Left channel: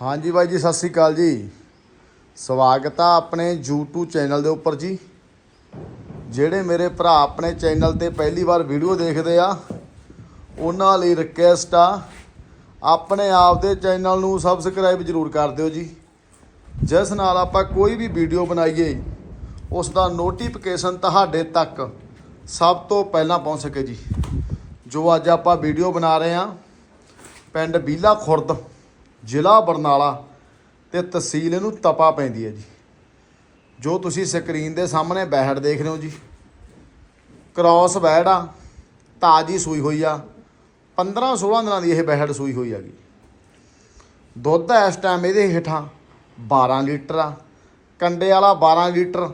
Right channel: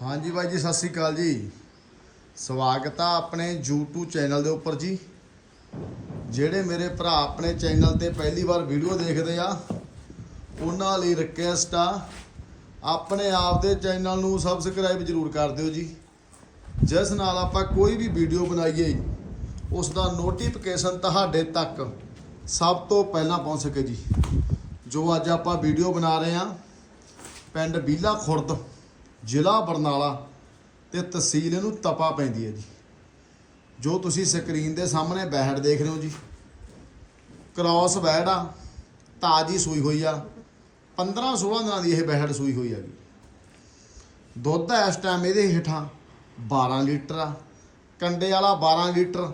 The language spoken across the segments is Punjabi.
ਹਾਂਜੀ ਬਾਈ ਜੀ, ਸਤਿ ਸ੍ਰੀ ਅਕਾਲ ਜੀ। ਸਵਾਗਤ ਆ ਆਪਣੇ YouTube ਚੈਨਲ ਦੇ ਉੱਪਰ ਜੀ। ਜਿਹੜੇ ਮੇਰੇ ਭਰਾ ਆਪਣੇ ਚੈਨਲ ਤੇ ਪਹਿਲੀ ਵਾਰ ਵੀਡੀਓ ਦੇਖਦੇ ਆ, ਉਹਨਾਂ ਲਈ ਰਿਕੁਐਸਟ ਆ, ਆਪਣੇ ਆਪ ਦੇ ਚੈਨਲ ਨੂੰ ਸਬਸਕ੍ਰਾਈਬ ਜ਼ਰੂਰ ਕਰ ਦਿਓ ਜੀ। ਜਿਸ ਨਾਲ ਆਪਾਂ ਕੋਈ ਵੀ ਵੀਡੀਓ ਬਣਾਈਏ ਉਸ ਦਾ ਨੋਟੀਫਿਕੇਸ਼ਨ ਤੁਹਾਡੇ ਤੱਕ ਸਭ ਤੋਂ ਪਹਿਲਾਂ ਪਹੁੰਚ ਸਕੇ ਜੀ। ਜੋ ਅੱਜ ਆਪਾਂ ਵੀਡੀਓ ਬਣਾ ਰਹੇ ਆ, ਪਿੰਡ ਬੀਲਾ ਖੁਰਦ ਜ਼ਿਲ੍ਹਾ ਬਰਨਾਲਾ ਤੇ ਤਹਿਸੀਲ ਇਹਨੂੰ ਤਪਾ ਪੈਂਦੀ ਹੈ ਜੀ। ਜੋ ਤੁਸੀਂ ਸਕਰੀਨ ਦੇ ਸਾਹਮਣੇ ਬੈਹੜ ਦੇਖ ਰਹੇ ਹੋ ਜੀ। ਕ੍ਰਾਸ ਬੈੜ ਆ, ਤਾਜੀ ਸੂਈ ਹੋਈ ਆ। 15 16 ਦਿਨਾਂ ਦੀ ਇਹ ਬਹਿੜ ਸੂਈ ਹੋਈ ਹੈਗੀ। ਦੁੱਧ ਇਸ ਟਾਈਮ ਇਹਦੇ ਹੇਠਾਂ 12 ਲੀਟਰ ਆ। ਕੰਡੇ ਵਾਲਾ 12 ਲੀਟਰ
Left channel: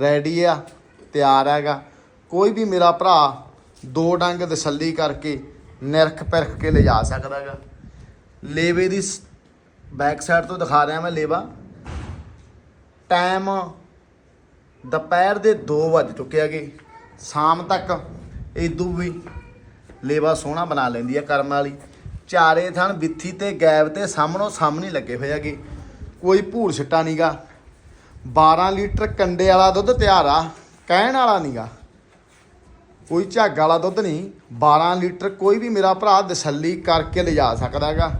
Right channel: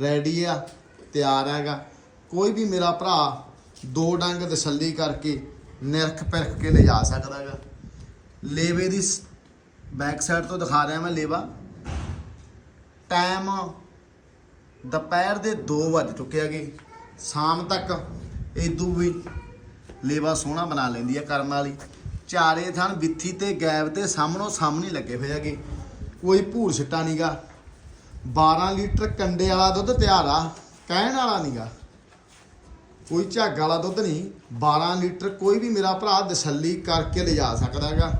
ਰੈਡੀ ਆ, ਤਿਆਰ ਹੈਗਾ। ਕੋਈ ਵੀ ਮੇਰਾ ਭਰਾ ਦੋ ਡੰਗ ਤਸੱਲੀ ਕਰਕੇ ਨਿਰਖ ਪਰਖ ਕੇ ਲਿਜਾ ਸਕਦਾ ਹੈਗਾ। ਲੇਵੇ ਦੀ ਬੈਕ ਸਾਈਡ ਤੋਂ ਦਿਖਾ ਰਿਹਾ ਮੈਂ ਲੇਵਾ। ਟਾਈਮ ਦੁਪਹਿਰ ਦੇ 2 ਵੱਜ ਚੁੱਕਿਆ ਹੈਗੇ। ਸ਼ਾਮ ਤੱਕ ਇਦੋਂ ਵੀ ਲੇਵਾ ਸੋਹਣਾ ਬਣਾ ਲੈਂਦੀ ਆ ਕਰਮ ਵਾਲੀ। ਚਾਰੇ ਥਣ ਬਿੱਥੀ ਤੇ ਗੈਬ ਤੇ ਸਾਹਮਣੋਂ ਸਾਹਮਣੇ ਲੱਗੇ ਹੋਏ ਹੈਗੇ। ਕੋਈ ਭੂਰ ਛਿੱਟਾ ਨਹੀਂਗਾ 12 ਲੀਟਰ ਕੰਡੇ ਵਾਲਾ ਦੁੱਧ ਤਿਆਰ ਆ, ਕਹਿਣ ਵਾਲਾ ਨਹੀਂਗਾ ਕੋਈ ਝੱਗ ਵਾਲਾ ਦੁੱਧ ਨਹੀਂ 12 ਲੀਟਰ ਕੋਈ ਵੀ ਮੇਰਾ ਭਰਾ ਤਸੱਲੀ ਕਰਕੇ ਲਿਜਾ ਸਕਦਾ ਹੈਗਾ।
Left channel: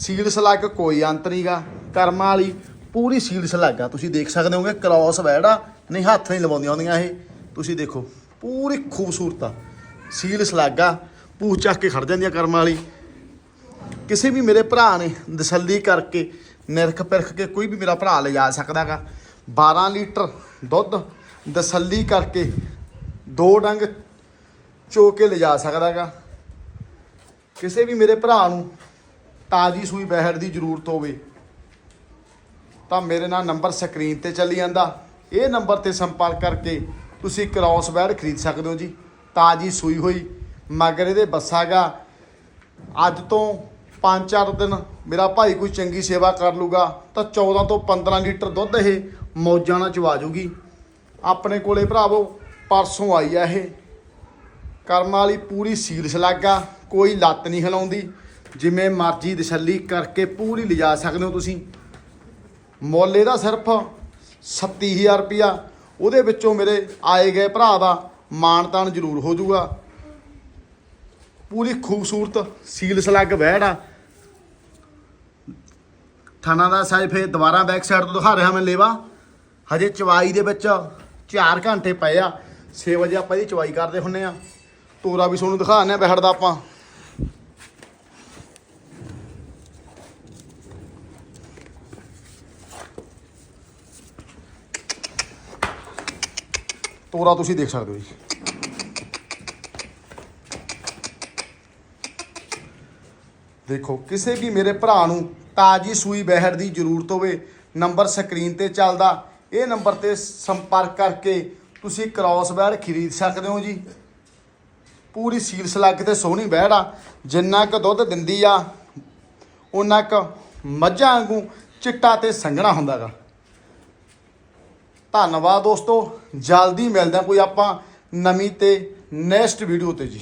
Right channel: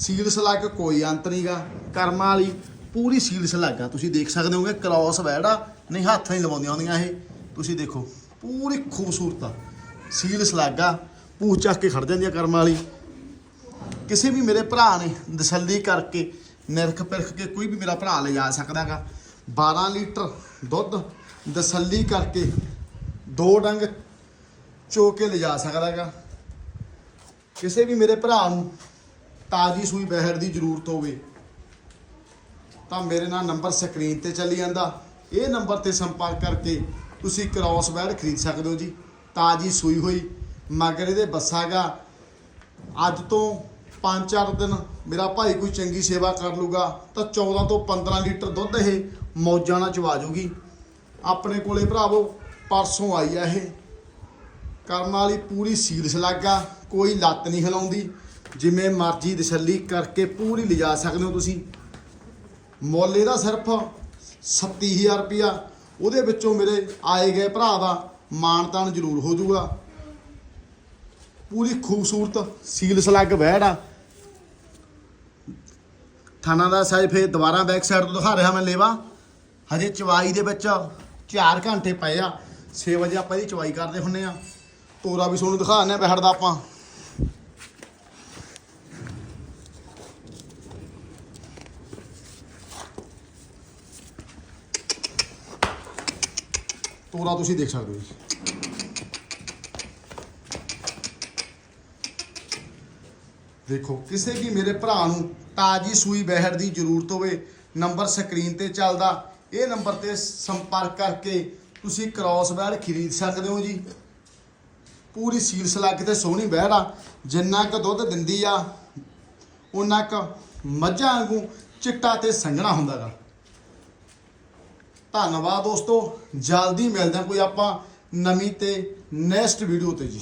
ਸੀਲ ਸਲੱਗ ਕੋਈ ਅੰਤ ਨਹੀਂਗਾ। ਕਰਮਾਂ ਵਾਲੀ ਪੂਰੀ ਸੀਲ ਸਲੱਗ ਆ ਤੁਸੀਂ ਦੇਖ ਸਕਦੇ ਹੋਗੇ ਕ੍ਰਾਸ ਵੈੜਾ ਨਹੀਂ ਹੱਥ ਨਹੀਂ ਲਵਾਉਂਦੀਆਂ ਹੁੰਦੀਆਂ ਇਹ। ਤੁਸੀਂ ਦੇਖੋ, ਪੂਰੀ ਖੂਬਸੂਰਤ ਆ। ਸੀਲ ਸਲੱਗ ਆ ਪੂਛ ਚੱਕ ਕੇ ਖੜ ਜਾਂਦੀ ਆ ਕਰਮਾਂ ਵਾਲੀ। ਕਿਸੇ ਵੀ ਮੇਰੇ ਭਰਾ ਨੇ ਤਸੱਲੀ ਕਰਕੇ, ਨਿਰਖ ਪਰਖ ਕੇ ਕੋਈ ਵੀ ਮੇਰਾ ਭਰਾ ਲਿਜਾ ਸਕਦਾ ਹੈਗਾ। 12 ਲੀਟਰ ਦੁੱਧ ਤਸੱਲੀ ਕਰਕੇ ਦੋ ਡੰਗ ਚੋ ਕੇ ਲਿਜਾ ਸਕਦਾ ਹੈਗਾ। ਕਿਸੇ ਵੀ ਮੇਰੇ ਭਰਾ ਨੂੰ ਤਾਜੀ ਸੂਈ ਬਹਿਰ ਦੀ ਜ਼ਰੂਰਤ ਹੋਵੇ, ਤਾਂ ਮੇਰੇ ਨਾਲ ਨੰਬਰ ਸਕਰੀਨ ਤੇ ਚੱਲੀ ਜਾਂਦਾ। ਇਹ ਨੰਬਰ ਤੇ ਸੰਪਰਕ ਕਰਕੇ ਤੁਸੀਂ ਕ੍ਰਾਸ ਬੈਡ ਖਰੀਦ ਸਕਦੇ ਹੋ ਜੀ। ਤਾਜੀ ਸੂਈ ਹੋਈ, ਮਗਰ ਇਹਦੇ ਬੱਸਾਗਾ ਅੱਜ ਤੋਂ 5-4 ਦਿਨ ਮੇਰਾ ਭਾਈ ਕੋਈ ਚੰਗੀ ਸੇਵਾ ਕਰ ਲੂਗਾ, ਤਾਂ 14 ਤੋਂ 15 ਲੀਟਰ ਦੁੱਧ ਇਹ ਮੌਜਾਂ ਨਾਲ ਚਵਾ ਜੂਗੀ। ਆਪਣੇ ਕੋਲੇ ਭਰਾਵੋ, ਪਰਸੋਂ ਆਈ ਆ ਇਹ। ਕਰਮ ਵਾਲੀ ਪੂਰੀ ਸੀਲ ਸਲਾਗਾ ਕੋਈ ਲੱਤ ਨਹੀਂ ਹਿਲਾਉਂਦੀ। ਜਿਵੇਂ ਮਰਜ਼ੀ ਤਸੱਲੀ ਕਰਕੇ ਪੂਰੀ ਲਿਜਾ ਸਕਦੇ ਹੋ ਤੁਸੀਂ। ਮੁੱਲ ਇਹਦਾ ਸਿਰਫ 37000 ਰੁਪਿਆ ਉਹਦੇ ਵਿੱਚੋਂ ਮੇਰੇ ਆਏ ਗਏ ਭਰਾ ਦਾ ਮਾਣ ਤਾਣ ਜ਼ਰੂਰ ਹੋ ਜਾਊਗਾ। ਪੂਰੀ ਖੂਬਸੂਰਤ ਸੀਲ ਸਲੱਗ ਬਹਿੜ ਆ। ਥਾਣਾ ਦਾ ਸਾਈਜ਼ ਫੇਰ ਦੁਬਾਰਾ ਬੈਕ ਸਾਈਡ ਤੋਂ ਦਿਖਾ ਰਿਹਾ ਮੈਂ ਲੇਵਾ। ਹਜੇ ਚਵਾਈ ਦੇ ਵਿੱਚ 4 ਘੰਟੇ ਪਏ ਆ। 6 ਵਜੇ ਆਪਾਂ ਇਹਦੀ ਚਵਾਈ ਕਰਦੇ ਹੁੰਨੇ ਆ। ਤੋਰਾ ਵੀ ਤੁਹਾਨੂੰ ਦਿਖਾਣੇ ਬਹਿੜ ਦਾ ਆਪਾਂ। ਤੋਰਾ ਤੁਸੀਂ ਦੇਖ ਸਕਦੇ ਹੋ ਜੀ। ਦੇਖੋ, ਕਿਸੇ ਵੀ ਮੇਰੇ ਭਰਾ ਨੂੰ ਤਾਜੀ ਸੂਈ ਬਹਿੜ ਦੀ ਜ਼ਰੂਰਤ ਹੋਵੇ, ਨੰਬਰ ਸਕਰੀਨ ਤੇ ਚੱਲਦਾ। ਇਹ ਨੰਬਰ ਤੇ ਸੰਪਰਕ ਕਰਕੇ ਤੁਸੀਂ ਕ੍ਰਾਸ ਬੈੜ ਖਰੀਦ ਸਕਦੇ ਹੋ ਜੀ। ਪੂਰੀ ਸੀਲ ਸਲੱਗ ਤੇ ਸੋਹਣੀ ਬਹਿੜ ਆ, ਜਿੰਨਾ ਕੁ ਦੁੱਧ ਦਿੰਦੀ ਆ ਉਹਨਾਂ ਕੁ ਮੱਝਾਂ ਵਾਂਗੂ ਚਿੱਟਾ ਤੇ ਸੰਘਣਾ ਹੁੰਦਾਗਾ। ਧੰਨਵਾਦ ਦੋਸਤੋ। ਜਲਦੀ ਮਿਲਦੇ ਹਾਂ ਕੋਈ ਆਪਾਂ ਨਵੀਂ ਤੇ ਨੈਕਸਟ ਵੀਡੀਓ ਤੇ ਜੀ।